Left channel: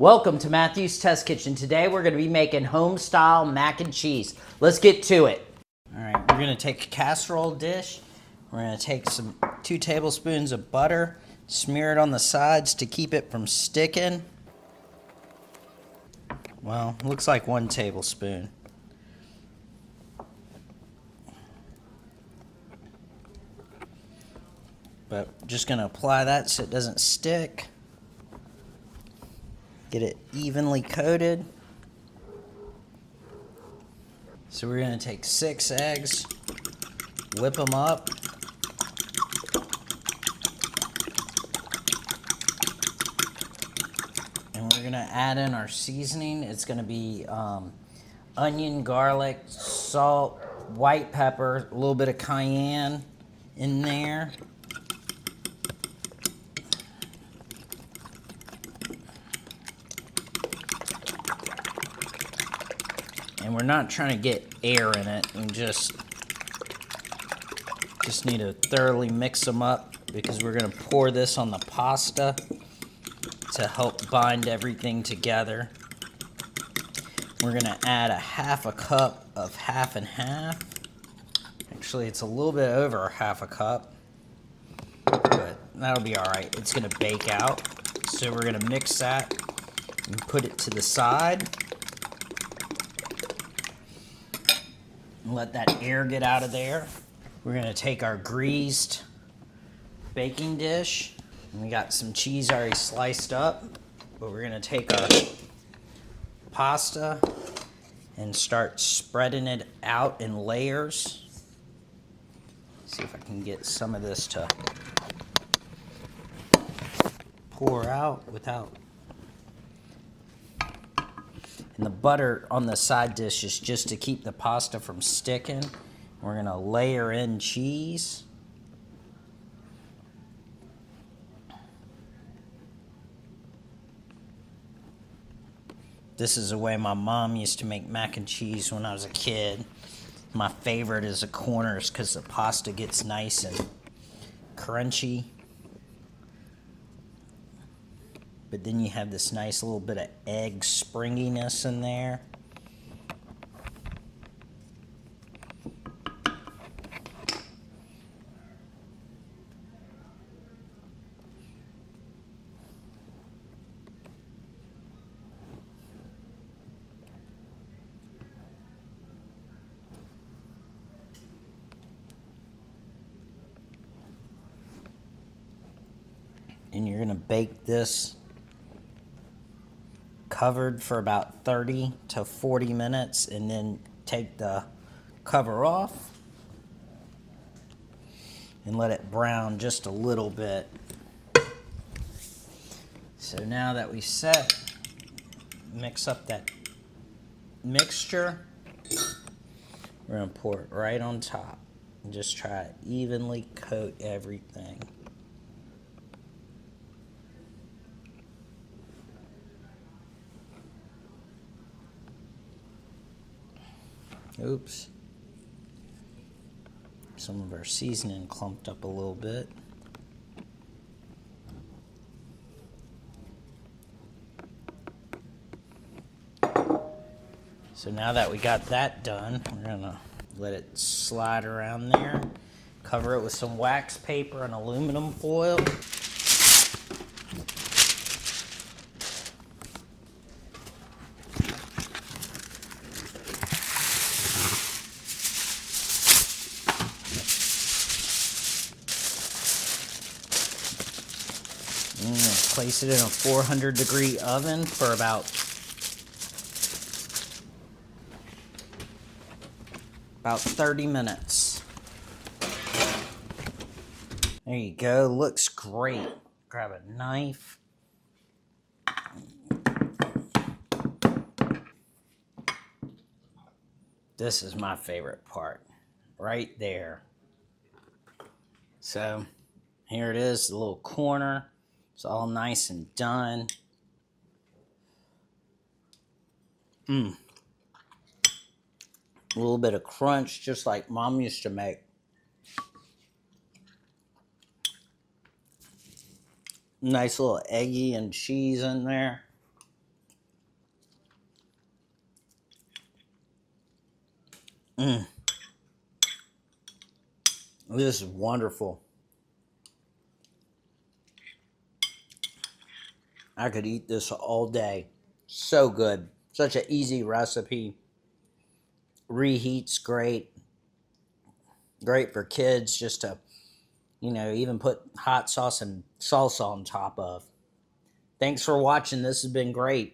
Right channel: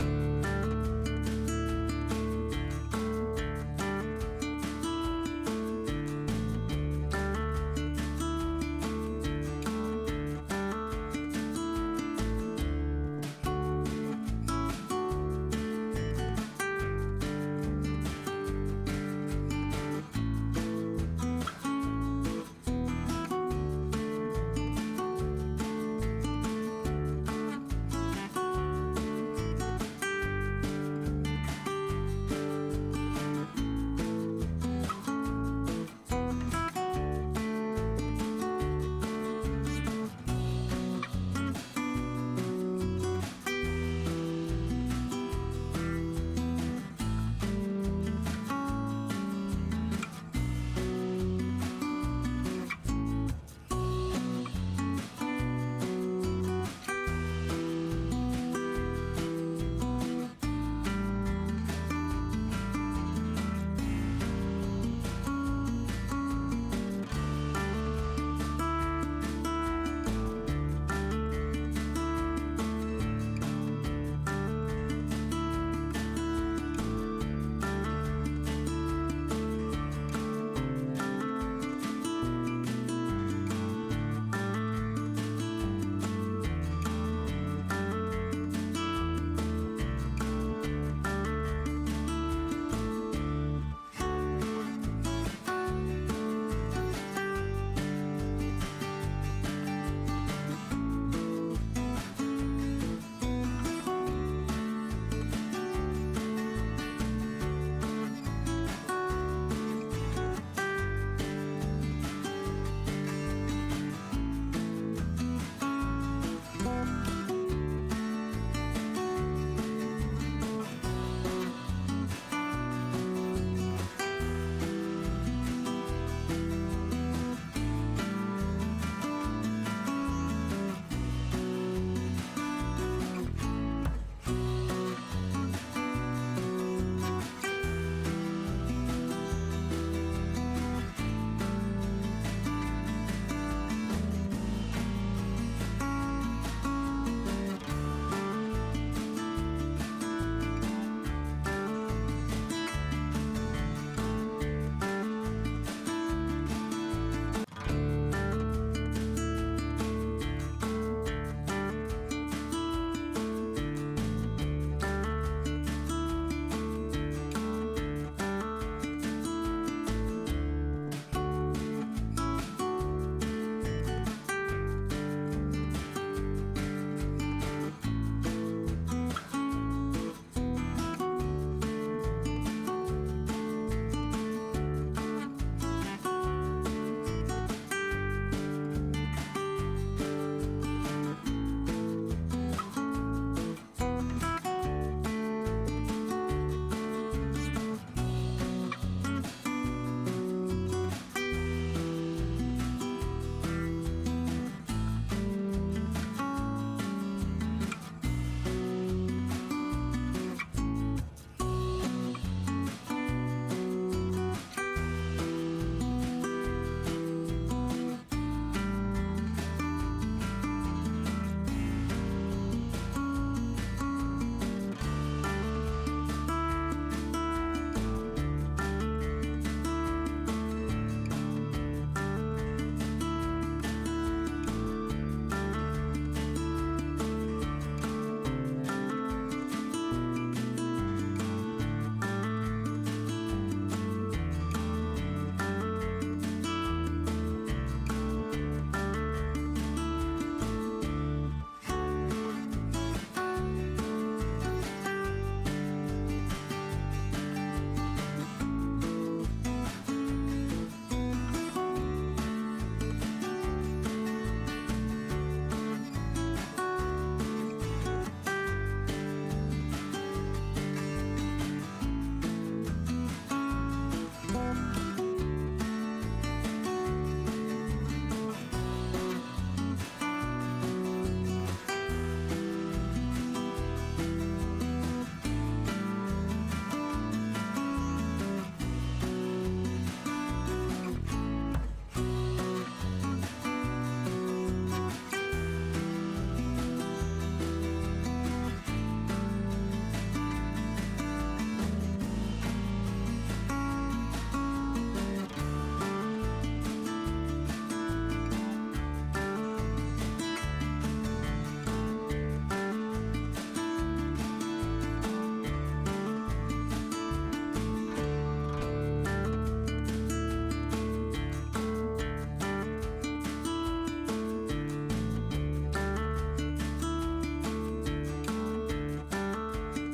Welcome to Matthew's Test Kitchen. Today we're going to be making Homestyle Mac and Cheese. Let's get to it. All right, we're going to take a casserole dish. We're going to take 2 tablespoons of butter, smear it on the sides to keep it from sticking. Well, looks like 1 tablespoon. But we're just going to apply that so it doesn't stick. Get it evenly coated. So we're going to take 6 eggs, whip them up. And we're going to add in our seasoning. It's going to be onion, garlic, salt, white pepper, a little bit of cayenne in there. We're not trying to get air in it, and just need to thoroughly mix them up because we're going to pour this on the pasta to help bind everything together. We're going to add a 1/2 cup of half and half. Actually, it's a little bit over 1/2 cup, but that'll be all right. It's going to bake out. So we're going to mix that and put it to the side. Let that air get out of there. We're going to take our greased baking dish. We got some cheese already sliced up, but we're going to take our pasta and start spreading it out in layers. See if I can get some of this to pour out without. The butter on the side dish is just to keep the pasta from sticking. We're going to layer in cheese. This is the way my mom used to make mac and cheese when I was a kid. My favorite is the corners because the pasta gets nice and crunchy. Then you have this nice little bit of egg springiness in there. And you're going to bake this covered for about 30 to 40 minutes, and then take the cover off and let it brown just a little bit. So now that we mix up that mixture, we're going to pour it right on top and just try to evenly coat everything. Oops. Some of our seasoning clumped up a little bit. So now that we got that done, I'm gonna let it slide around there. Cover it with some wax paper and aluminum foil. Place it in a 400-degree oven for about 30 minutes. There you go, looks great. Grab a knife. This is my favorite part, right there. So here it is, the little corner. It's all nice and done. A little bit of crunch, just like Mom used to make. Nice little eggy and cheese in there. Mm. This is wonderful. I could eat this all day. So good. Such an easy recipe. Reheats great. Great for kids just to, even put hot sauce and salsa on top of. Thanks for watching. This has been great.